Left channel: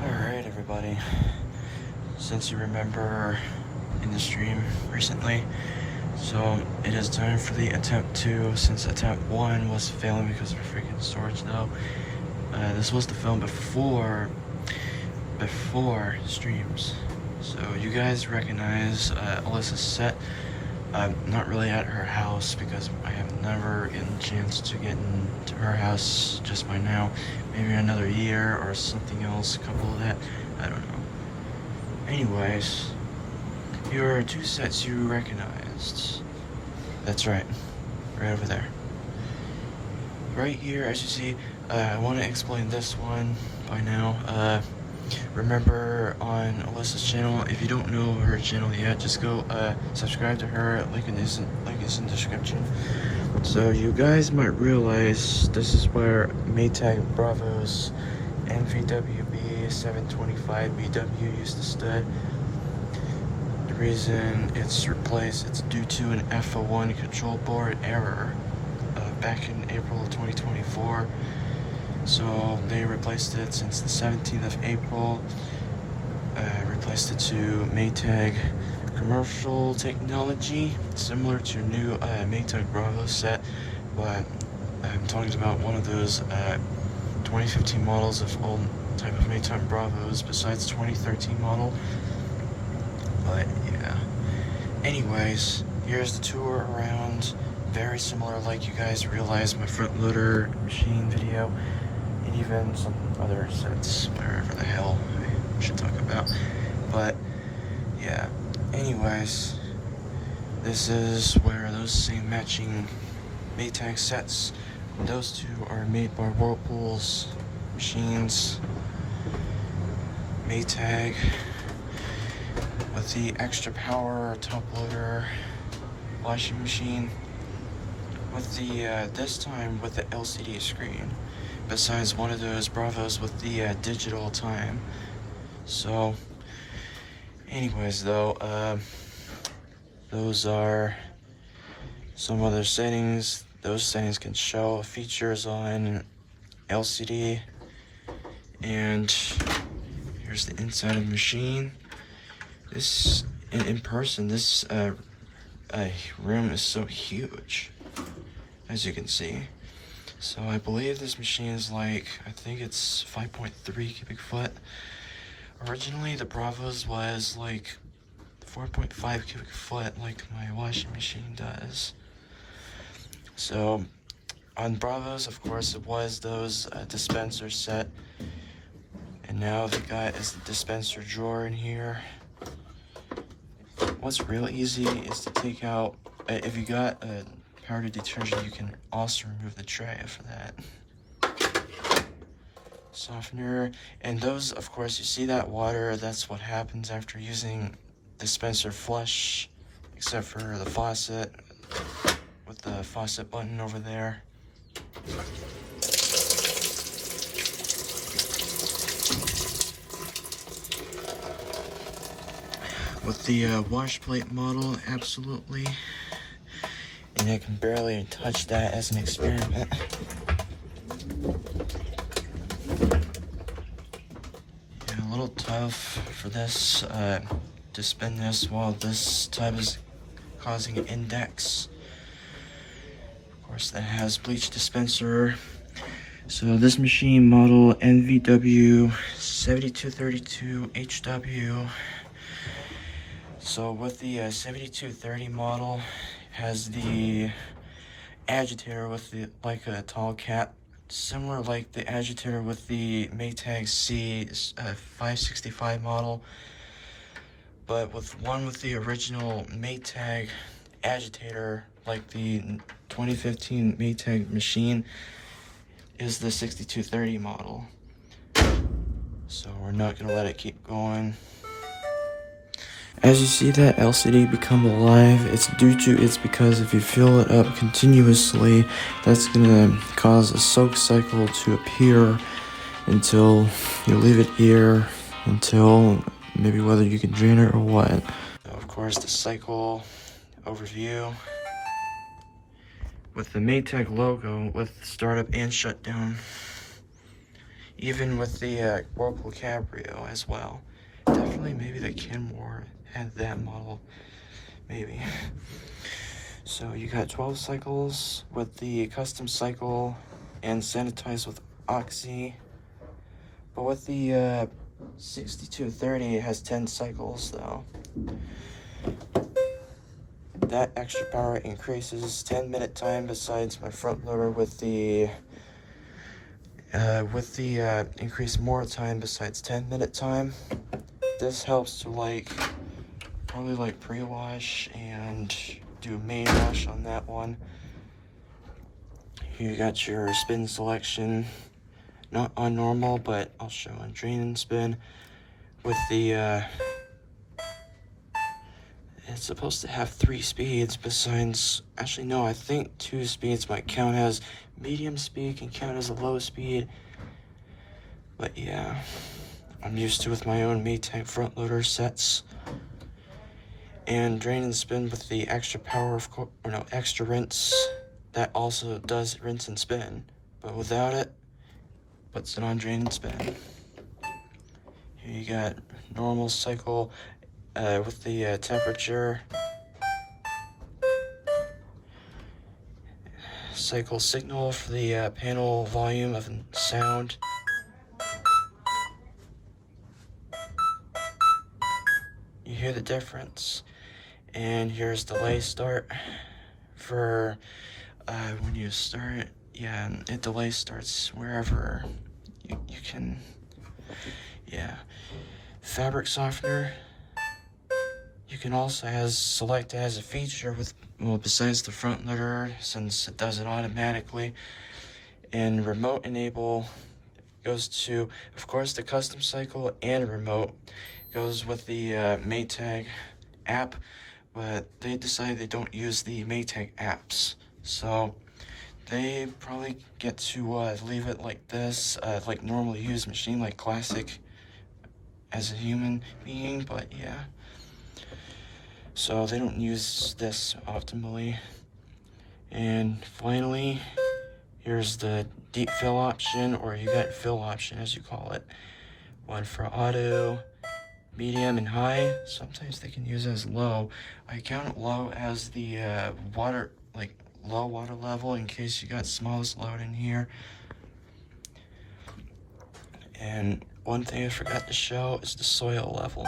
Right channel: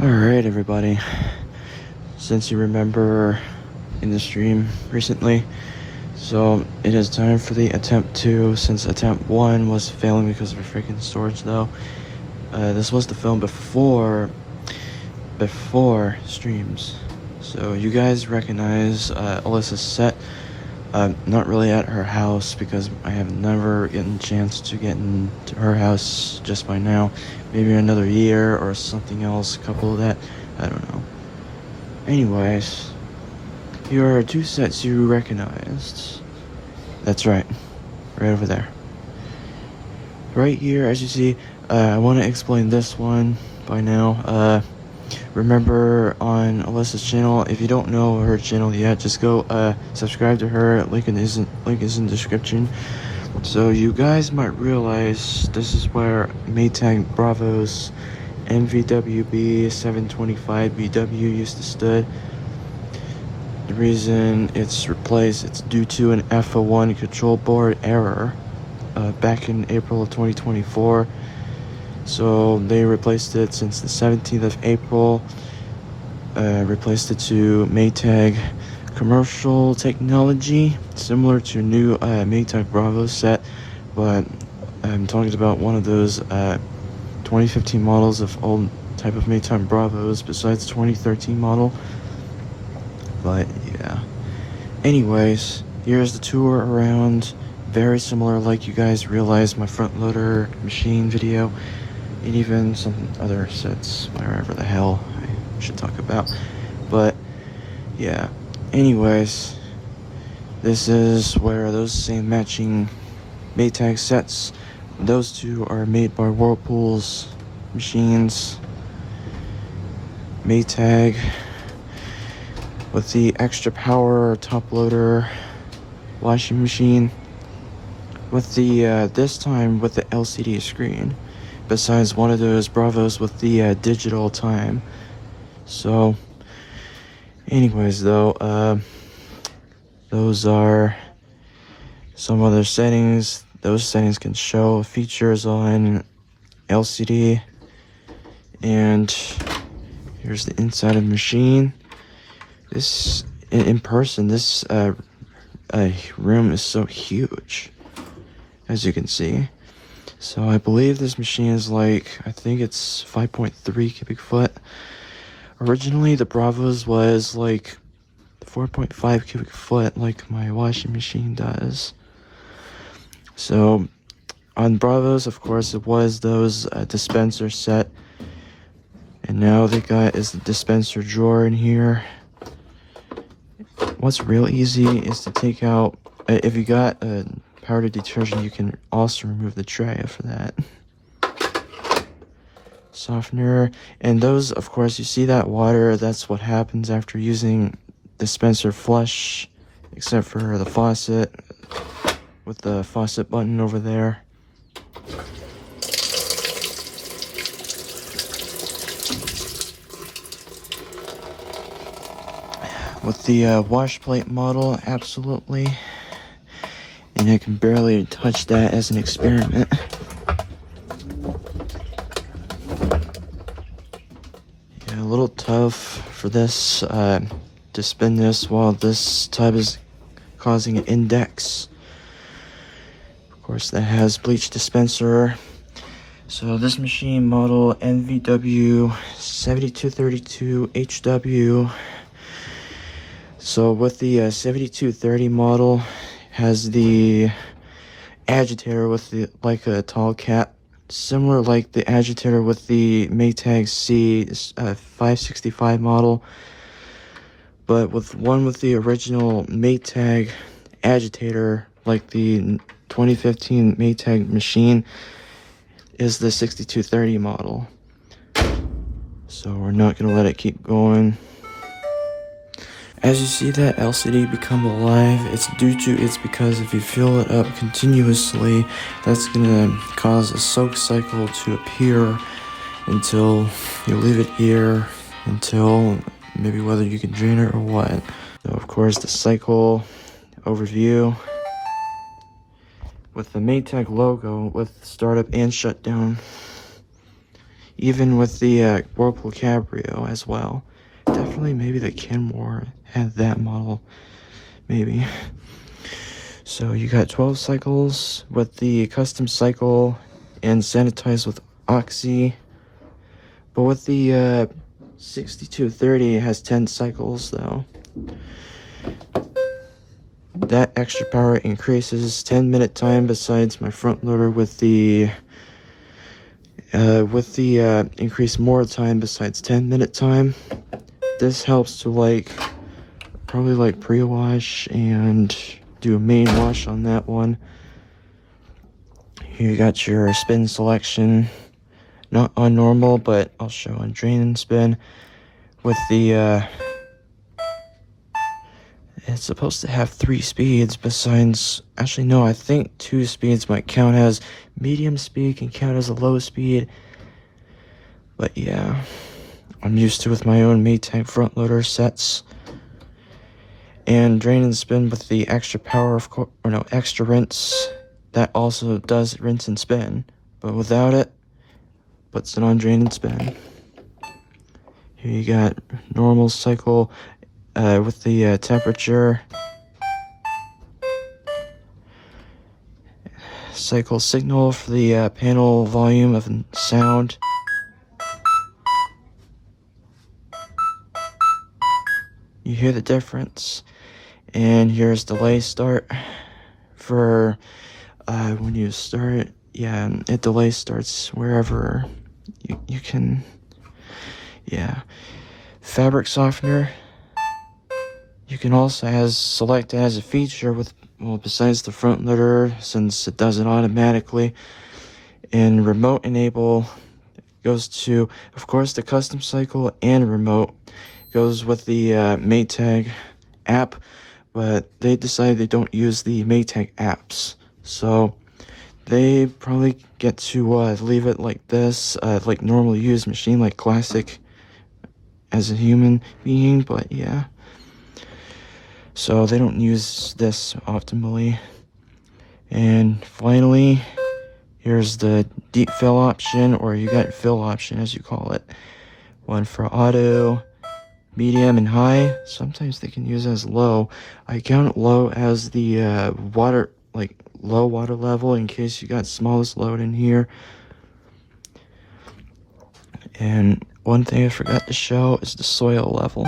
Alright everybody, since you remember in the stream recently, so it is time for the attempt 2, since attempt 1 was failing because of a freaking storage though. This was the film before streams, so you guys recognize Alyssa's set. Not really at her house because I have never gotten a chance to get into her house just by now. Maybe another year or something else, couple of that, I don't know. Anyways, here are two sets you recognized. That's right over there. Right here, as you see, I want to explain this one by now. Remember on Alyssa's channel, if you don't know her channel yet, just go subscribe to her. Link is in the description. So you guys might realize this is where Maytag Bravo's MVWB 725 BW used to stood. The reason it's replaced, it's due to an FO1 control board error back in April of 2024. So they replaced it since the 17th of April, replaced it to Maytag commercial technology, similar to new Maytag Bravo set, but I'm talking about one of those 2015 models of old type of Maytag Bravos besides 2013 model. But yeah, anyways, here's the tour around. Very similar, like you guys realized my front loader machine video, and even some other sets, wherever the hell I should talk about. But yeah, anyways, this is where those same matching Maytag sets, those two are made by Whirlpool's machines. Maytag with the extra power top loader washing machine with the this time with the LCD screen, besides one of those Bravos with the digital time. So anyways though, those are some other settings. Those settings can show features on LCD. And here's the inside of the machine. This in person, this room is so huge, as you can see. So I believe this machine is like, I think it's 5.3 cubic foot. Originally the Bravos was like 4.5 cubic foot, like my washing machine does. So on Bravos, of course, it was those dispenser set, and now they got is the dispenser drawer in here. What's real easy is to take out, if you got powdered detergent, you can also remove the tray after that. Softener, and those, of course, you see that water, that's what happens after using dispenser flush, except for the faucet, with the faucet button over there. With the wash plate model, absolutely. And I can barely touch that as an experiment. Yeah, a little tough for this to spin this while this tub is causing an index. Of course, that has bleach dispenser. So this machine model NVW 7232 HW. So with the 7230 model, has the agitator with the like a tall cap, similar like the agitator with the Maytag C 565 model, but with the original Maytag agitator, like the 2015 Maytag machine, is the 6230 model. So we're not gonna let it keep going. As you see that LCD become alive, it's because if you fill it up continuously, that's gonna cause a soak cycle to appear until you leave it here until maybe whether you can drain it or what. So of course the cycle overview with the Maytag logo with startup and shutdown. even with the Whirlpool Cabrio as well. Definitely maybe the Kenmore had that model, maybe. So you got 12 cycles with the custom cycle and sanitized with Oxy. But with the 6230, it has 10 cycles though. That extra power increases 10-minute time besides my front loader with the increased more time besides 10-minute time. This helps to probably pre-wash and do a main wash on that one. Here you got your spin selection, not on normal, but I'll show on drain and spin. With the it's supposed to have 3 speeds besides, actually no, I think 2 speeds might count as medium speed, can count as a low speed. But yeah, I'm used to with my own Maytag front loader sets. And drain and spin with the extra power, of course, or no, extra rinse. That also does rinse and spin, but without it, puts it on drain and spin. Here you got normal cycle with the temperature. Cycle signal for the panel volume of sound. You hear the difference. And here's delay start for when you start. Yeah, it delay starts wherever you can. Yeah, fabric softener. You can also select as a feature with, well, besides the front loader, since it does it automatically. And remote enable goes to, of course, the custom cycle, and remote goes with the Maytag app. But they decided they don't use the Maytag apps, so they probably get to leave it like this, like normally used machine, like classic as a human being. But yeah, so they don't use this optimally. And finally, here's the deep fill option, or you got fill option as you call it. One for auto, medium, and high. Sometimes they can use as low. I count low as the water, like low water level, in case you got smallest load in here. And one thing I forgot to show is the soil level.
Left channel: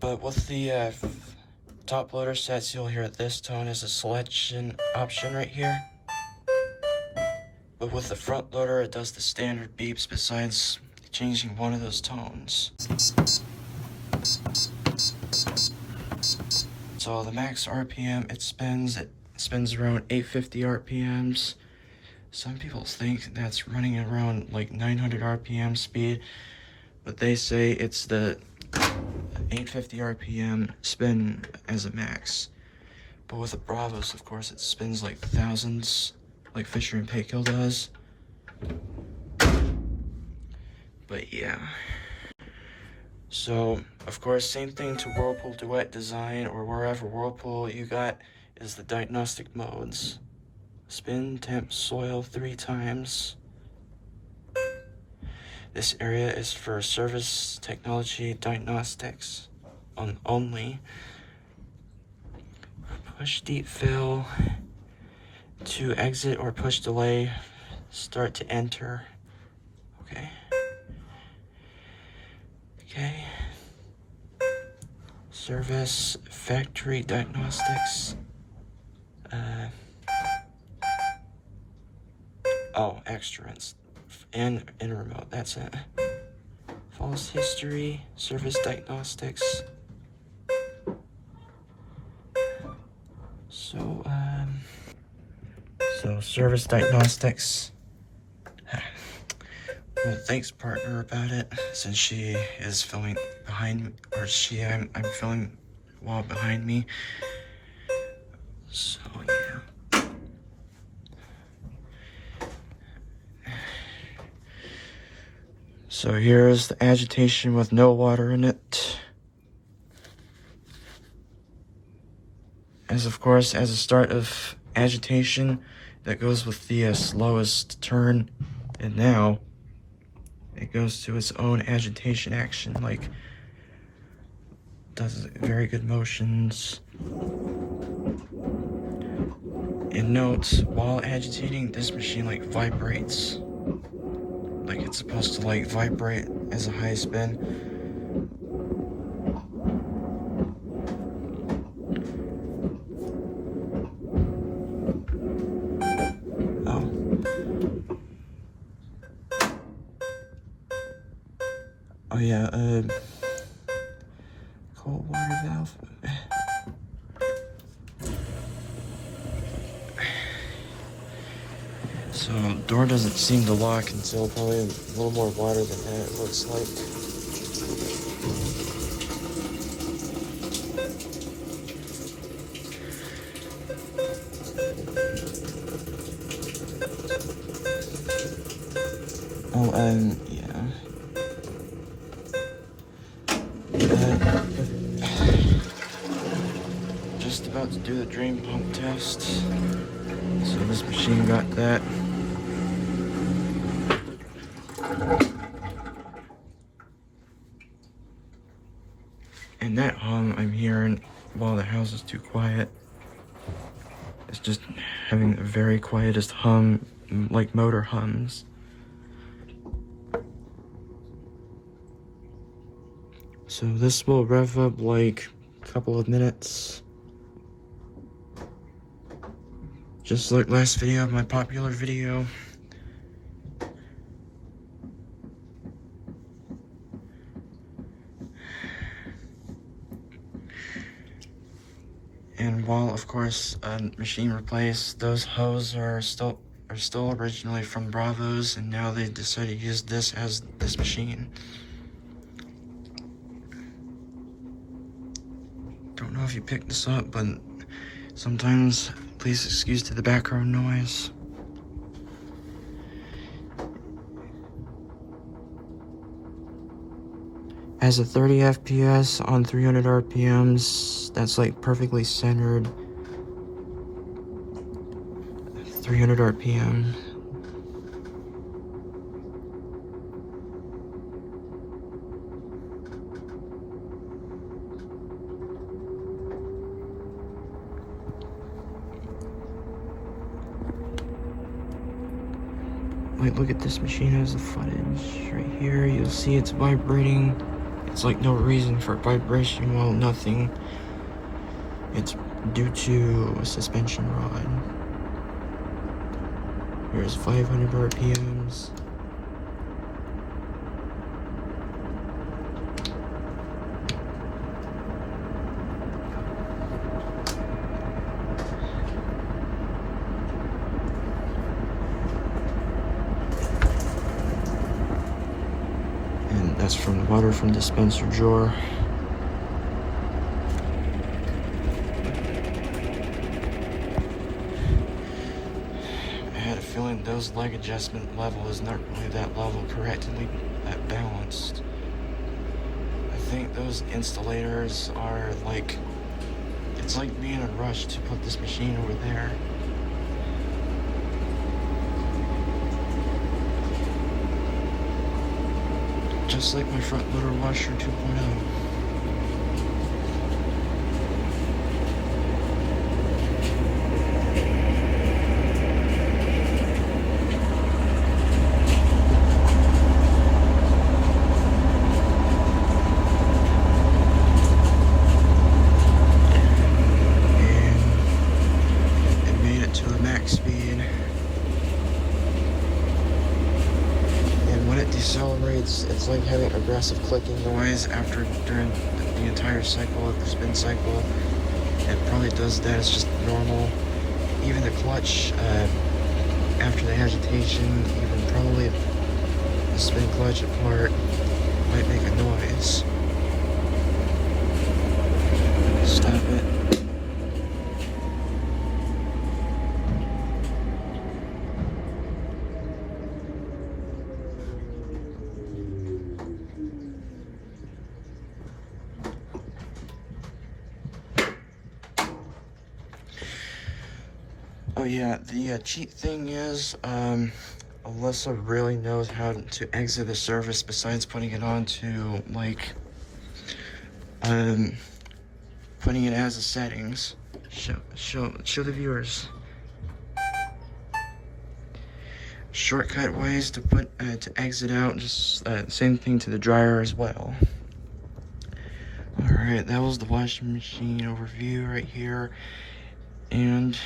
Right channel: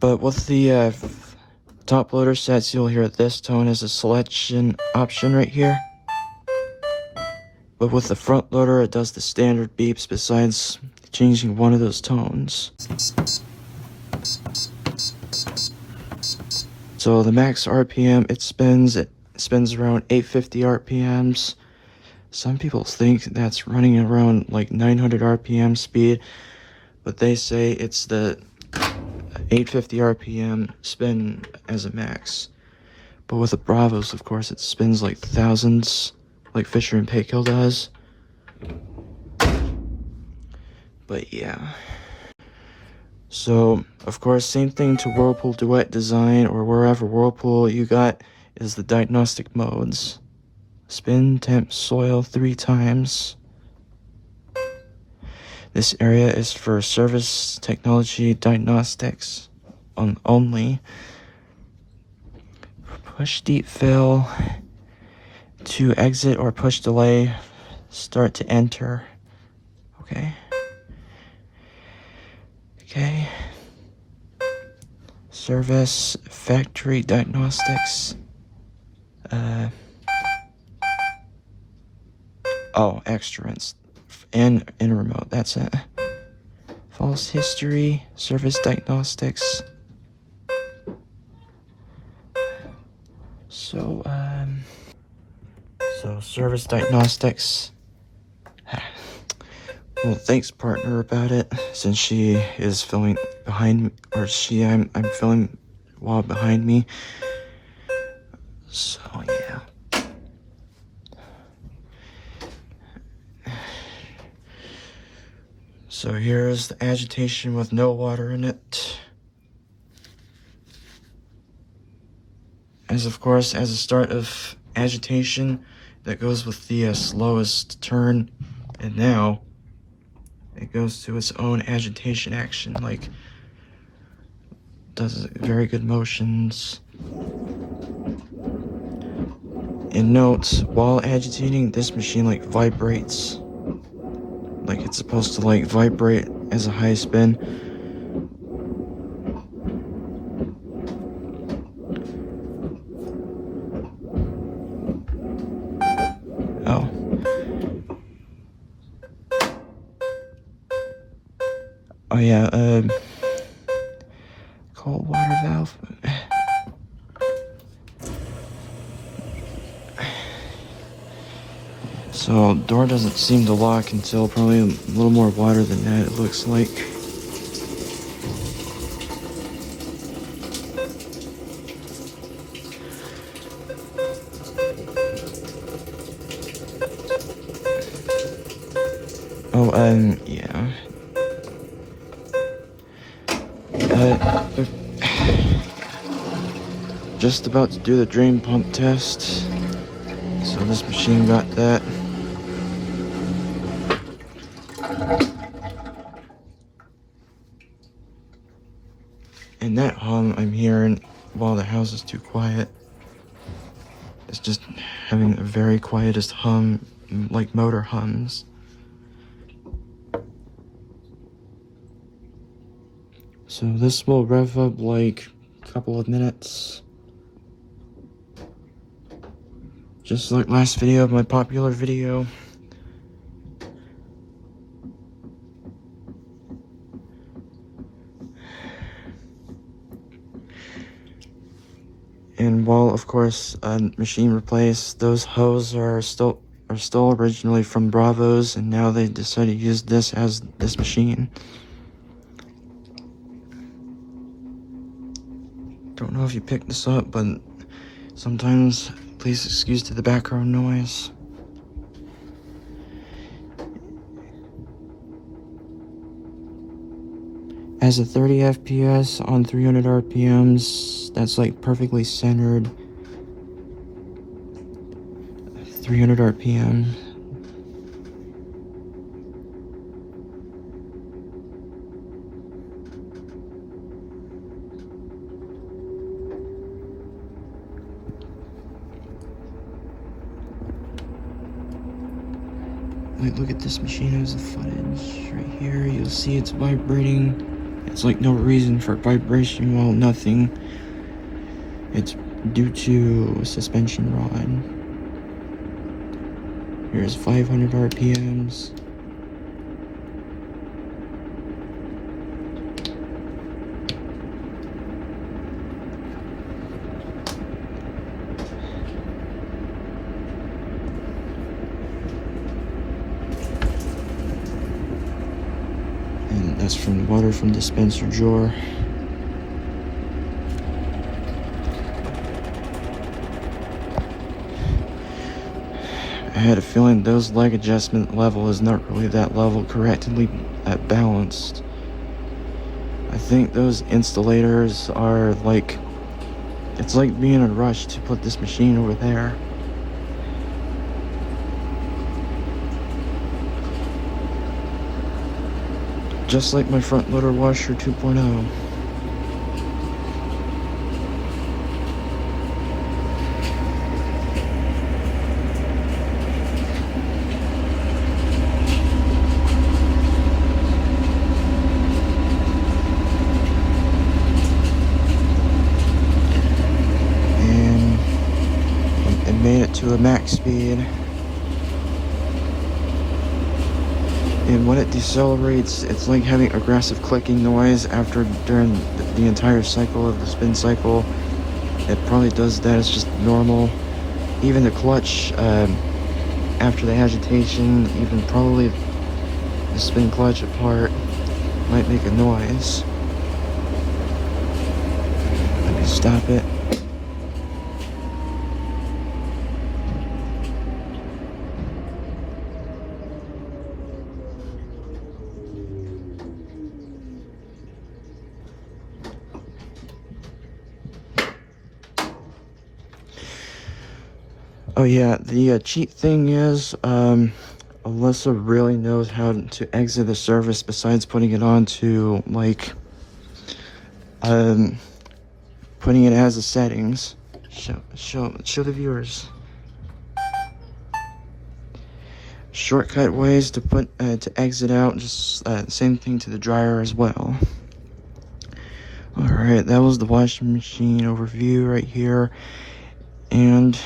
But with the top loader sets, you'll hear this tone as a selection option right here. But with the front loader, it does the standard beeps besides changing one of those tones. So the max RPM it spins around 850 RPMs. Some people think that's running around like 900 RPM speed, but they say it's the 850 RPM spin as a max. But with the Bravos, of course, it spins like thousands, like Fisher and Paykel does. But yeah. So, of course, same thing to Whirlpool Duet Design, or wherever Whirlpool you got, is the diagnostic modes. Spin, temp, soil 3 times. This area is for service technology diagnostics only. Push deep fill to exit, or push delay start to enter. Okay. Service factory diagnostics. Extra and in remote. That's it. False history, service diagnostics. So service diagnostics. Well, thanks, partner, about it, since she is filming behind, or I'm filming while behind me. So yeah. So here's the agitation with no water in it. As of course, as a start of agitation, that goes with the slowest turn, and now it goes to its own agitation action, like does very good motions. And note, while agitating, this machine like vibrates. Like it's supposed to like vibrate as a high spin. Oh. Oh yeah, cold water valve. So, door doesn't seem to lock until probably a little more water than that, it looks like. Oh, yeah. Just about to do the drain pump test. So this machine got that. And that hum I'm hearing while the house is too quiet. It's just having the very quietest hum, like motor hums. So this will rev up like a couple of minutes. Just like last video of my popular video. And while of course machine replaced, those hoses are still originally from Bravo's, and now they decided to use this as this machine. Don't know if you picked this up, but sometimes please excuse to the background noise. Has a 30 FPS on 300 RPMs. That's like perfectly centered. 300 RPM. Like, look at this machine has the footage right here. You'll see it's vibrating. It's like no reason for vibration, well, nothing. It's due to suspension rod. Here's 500 RPMs. And that's from water from dispenser drawer. I had a feeling those leg adjustment level is not really that level correctly at balanced. I think those insulators are like, it's like being in a rush to put this machine over there. Just like my front loader washer 2.0. To the max speed, and when it decelerates, it's like having aggressive clicking noise during the entire cycle of the spin cycle. It probably does that. It's just normal. Even the clutch, after the agitation, even probably the spin clutch apart, might make a noise. Stop it. Oh yeah, the cheat thing is, Alyssa really knows how to exit the service besides putting it on to, like, putting it as the settings. Show the viewers. Shortcut ways to put, to exit out, just, same thing to the dryer as well. Alright, that was the washing machine overview right here. And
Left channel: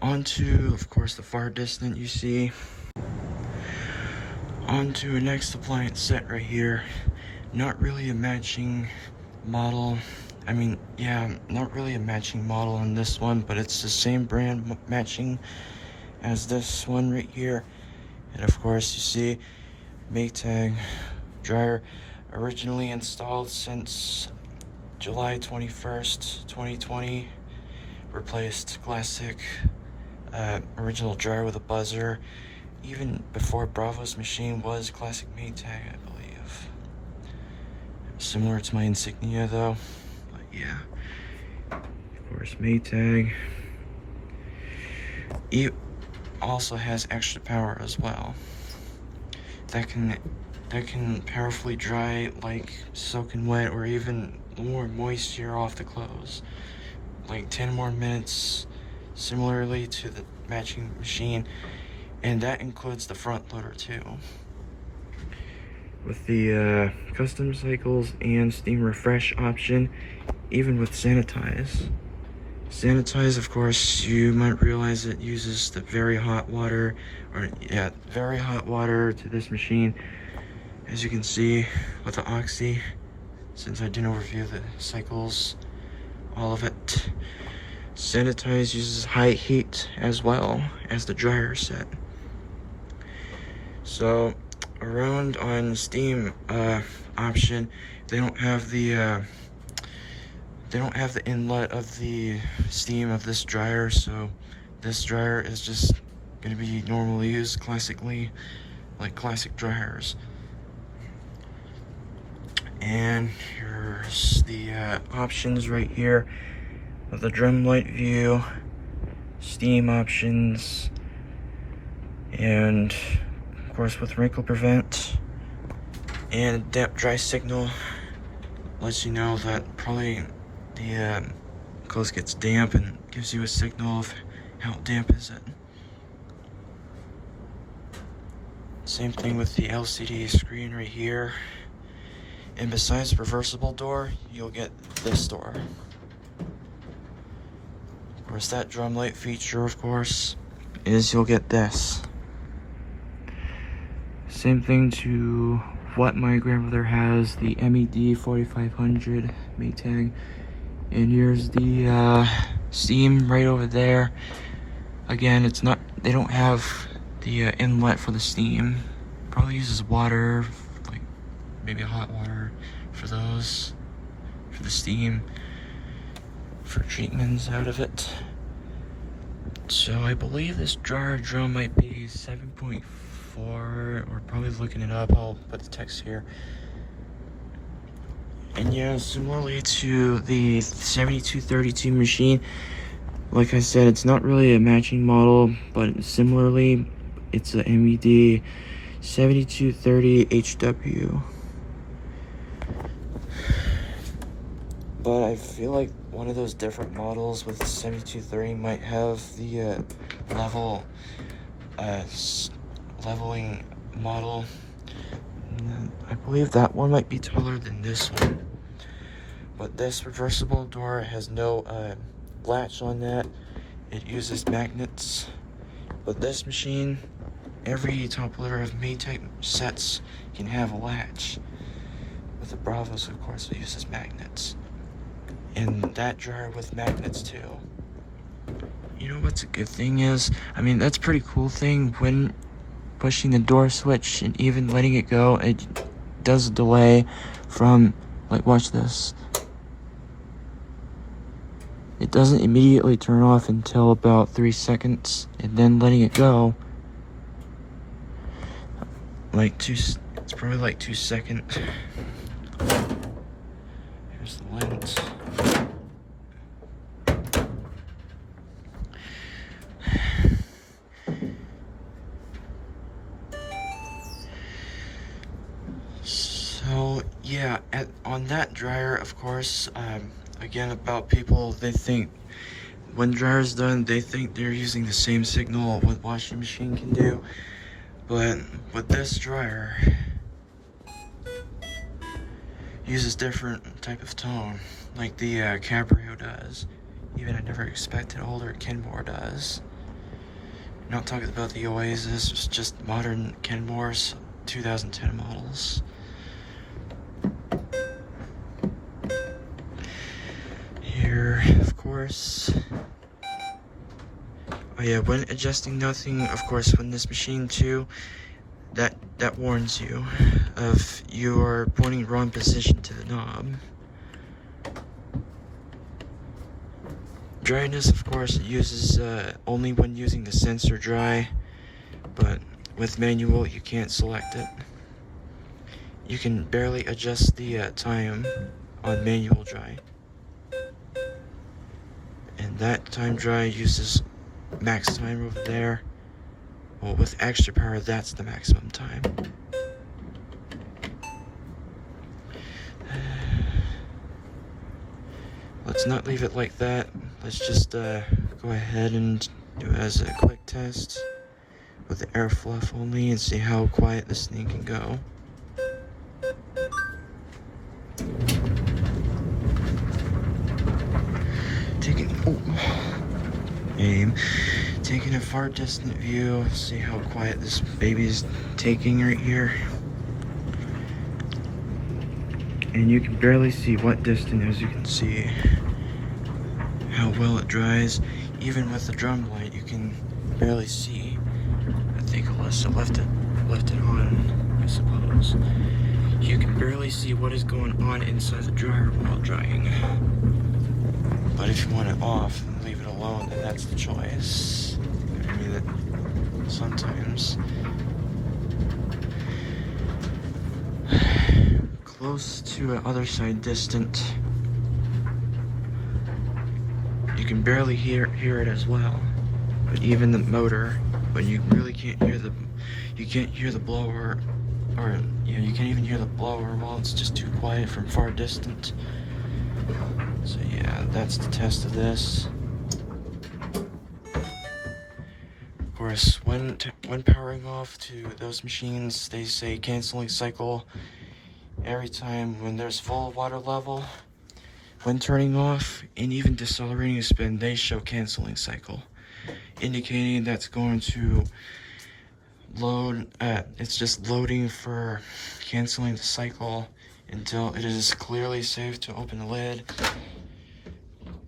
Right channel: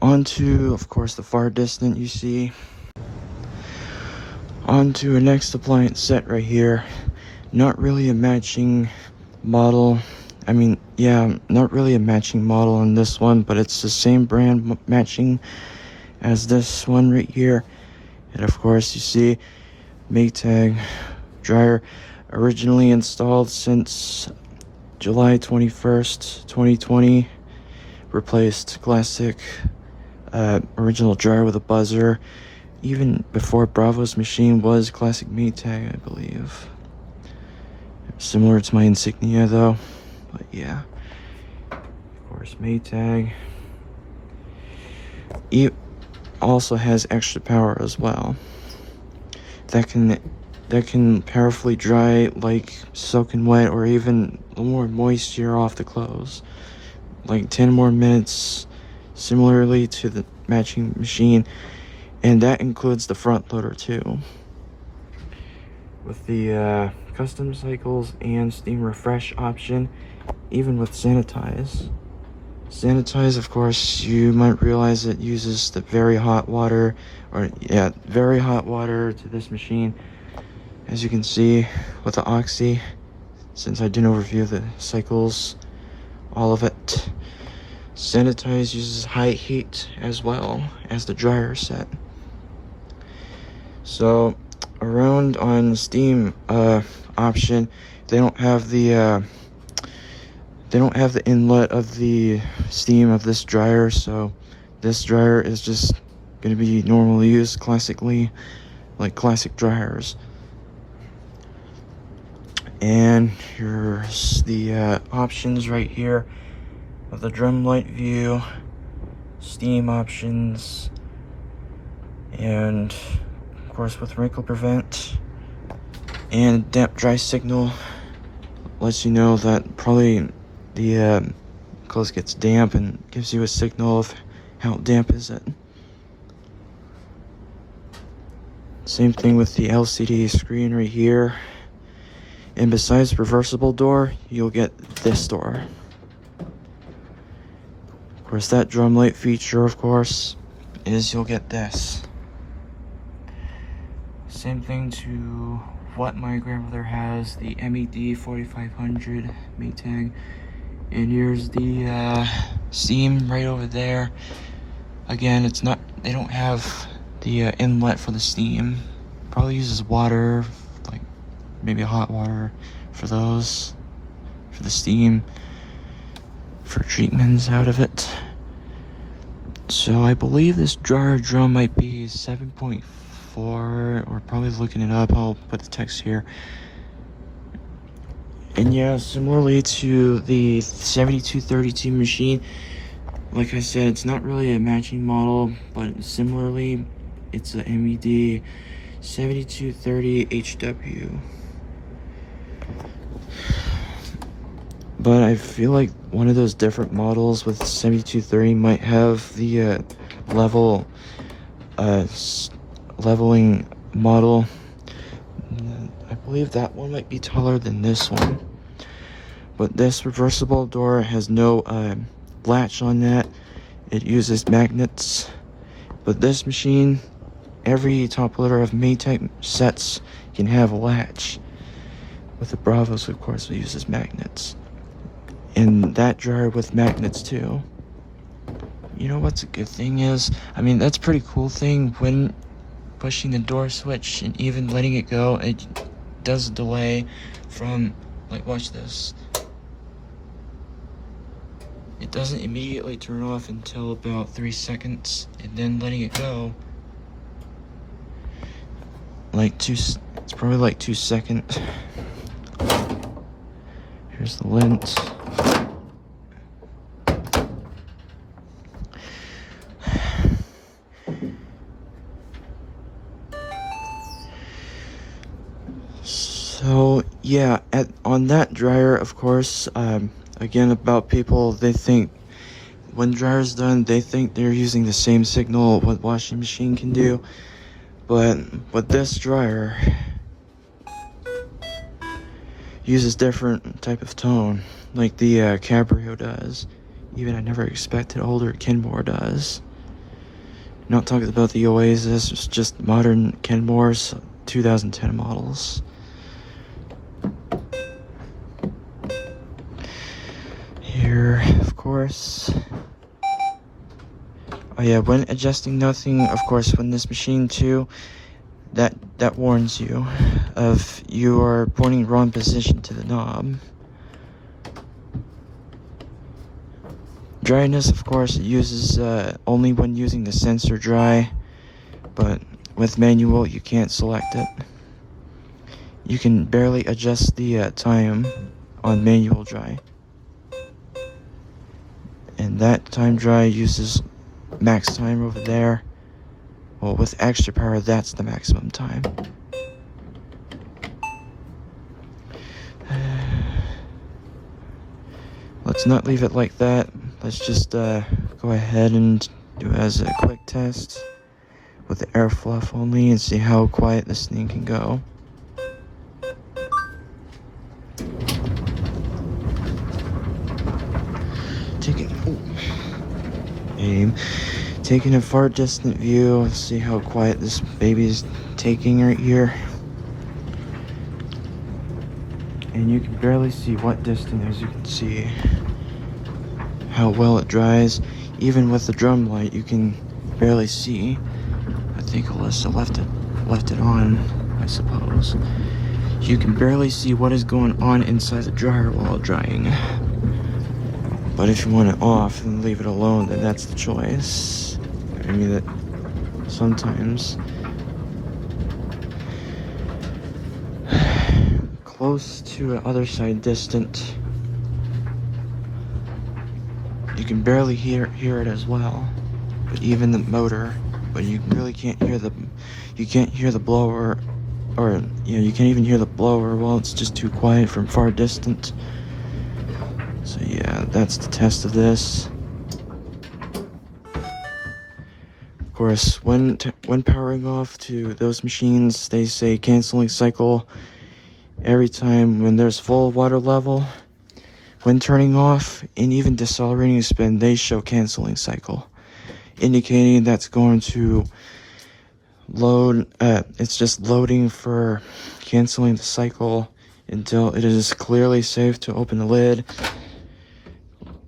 onto, of course, the far distant you see. Onto a next appliance set right here. Not really a matching model. I mean, yeah, not really a matching model on this one, but it's the same brand matching as this one right here. And of course, you see Maytag dryer, originally installed since July 21st, 2020. Replaced classic original dryer with a buzzer. Even before Bravo's machine was classic Maytag, I believe. Similar to my insignia though, but yeah. Of course, Maytag. It also has extra power as well. That can powerfully dry, like, soaking wet or even more moisture off the clothes. Like 10 more minutes, similarly to the matching machine. And that includes the front loader too. With the custom cycles and steam refresh option, even with sanitize. Sanitize, of course, you might realize it uses the very hot water, very hot water to this machine. As you can see with the Oxy, since I didn't overview the cycles, all of it. Sanitize uses high heat as well as the dryer set. So around on steam option, they don't have the inlet of the steam of this dryer, so this dryer is just going to be normally used classically, like classic dryers. And here's the options right here of the drum light view, steam options, and of course with wrinkle prevent and damp dry signal. Lets you know that probably the clothes gets damp and gives you a signal of how damp is it. Same thing with the LCD screen right here. And besides reversible door, you'll get this door. Of course, that drum light feature, of course, is you'll get this. Same thing to what my grandmother has, the MED 4500 Maytag. And here's the steam right over there. Again, it's not, they don't have the inlet for the steam. Probably uses water, like maybe hot water for those, for the steam, for treatments out of it. So I believe this dryer drum might be 7.4, or probably looking it up, I'll put the text here. And yeah, similarly to the 7232 machine, like I said, it's not really a matching model, but similarly, it's a MED 7230 HW. But I feel like one of those different models with 7230 might have the leveling model. I believe that one might be taller than this one. But this reversible door has no latch on that. It uses magnets. But this machine, every top loader of Maytag sets can have a latch. With the Bravos, of course, it uses magnets. And that dryer with magnets too. You know what's a good thing is, I mean, that's a pretty cool thing when pushing the door switch and even letting it go, it does a delay from, like, watch this. It doesn't immediately turn off until about 3 seconds, and then letting it go, it's probably like 2 seconds. Here's the lens. So yeah, on that dryer, of course, again about people, they think when dryer's done, they think they're using the same signal what washing machine can do, but with this dryer, uses different type of tone, like the Cabrio does. Even I never expected older Kenmore does. Not talking about the Oasis, it's just modern Kenmore's 2010 models. Here, of course. Oh yeah, when adjusting nothing, of course, when this machine too, that warns you of you are pointing wrong position to the knob. Dryness, of course, it uses only when using the sensor dry, but with manual you can't select it. You can barely adjust the time on manual dry, and that time dry uses max time over there. Well, with extra power, that's the maximum time. Let's not leave it like that. Let's just go ahead and do it as a quick test with the air fluff only and see how quiet this thing can go. Taking a far distant view, see how quiet this baby's taking right here. And you can barely see what distance, as you can see how well it dries. Even with the drum light, you can barely see. I think Alyssa left it on, I suppose. You can barely see what is going on inside the dryer while drying. But if you want it off and leave it alone, then that's the choice. I mean, that sometimes close to the other side distant, you can barely hear it as well. But even the motor, but you really can't hear the blower, or you can't even hear the blower. Well, it's just too quiet from far distant. So yeah, that's the test of this. Of course, when powering off to those machines, they say canceling cycle every time when there's full water level. When turning off and even decelerating the spin, they show canceling cycle, indicating that's going to load. It's just loading for canceling the cycle until it is clearly safe to open the lid.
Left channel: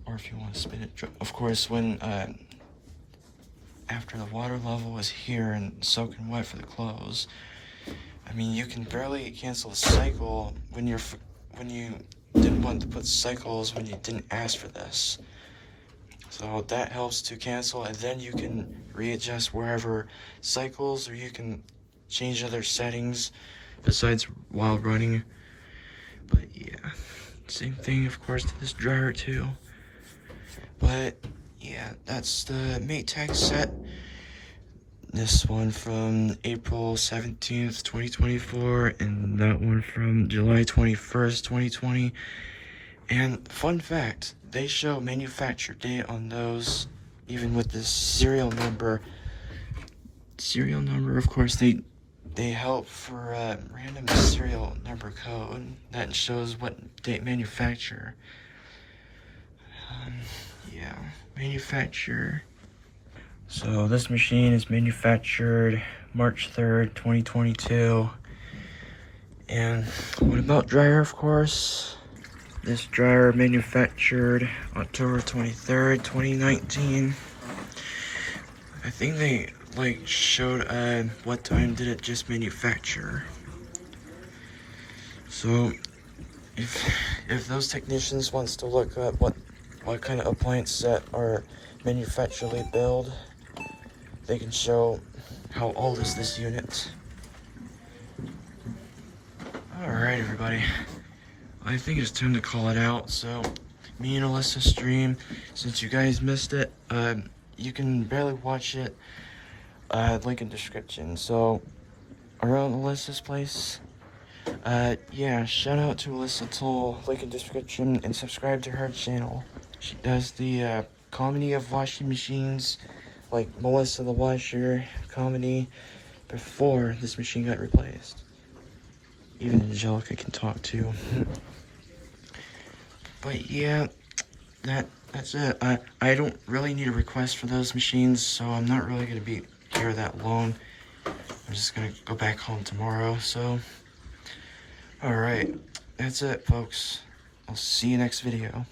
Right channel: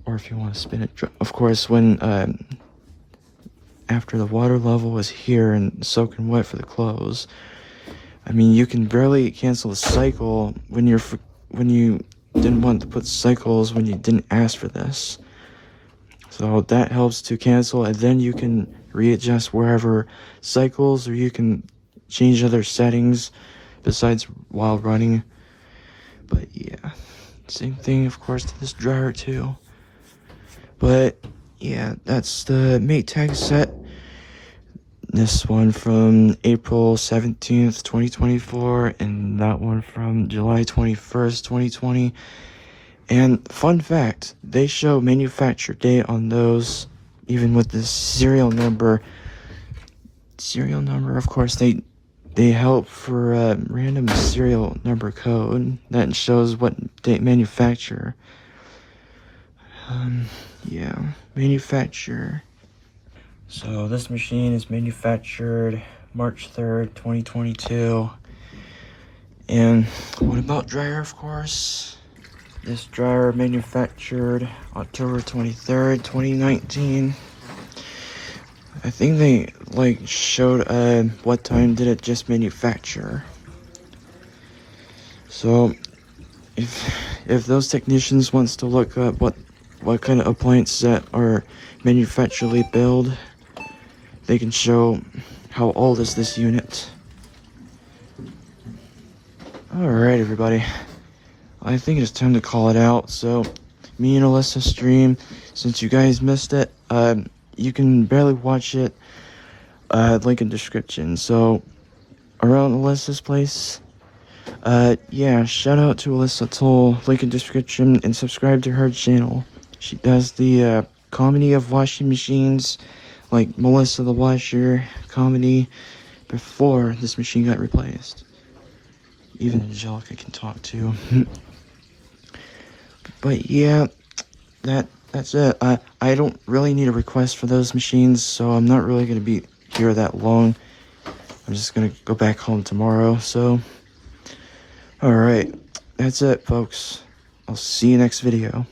Or if you want to spin it, of course, when after the water level was here and soaking wet for the close, I mean, you can barely cancel the cycle when you didn't want to put cycles when you didn't ask for this. So that helps to cancel, and then you can readjust wherever cycles, or you can change other settings besides while running. But yeah, same thing, of course, to this dryer too. But yeah, that's the Maytag set. This one from April 17th, 2024, and that one from July 21st, 2020. And fun fact, they show manufacture date on those, even with the serial number. Serial number, of course, they help for a random serial number code that shows what date manufacture. Yeah, manufacturer. So this machine is manufactured March 3rd, 2022. And what about dryer, of course? This dryer manufactured October 23rd, 2019. I think they showed what time did it just manufacture. So if those technicians wants to look up what kind of appliances that are manufacturally built, they can show how old is this unit. Alright, everybody, I think it's time to call it out. So me and Alyssa stream, since you guys missed it, you can barely watch it, link in description. So around Alyssa's place, Yeah, shout out to Alyssa Toll, link in description, and subscribe to her channel. She does the, comedy of washing machines, like Melissa the Washer comedy, before this machine got replaced. Even Angelica can talk too. But yeah, that's it. I don't really need a request for those machines, so I'm not really gonna be here that long. I'm just gonna go back home tomorrow, so alright. That's it, folks. I'll see you next video.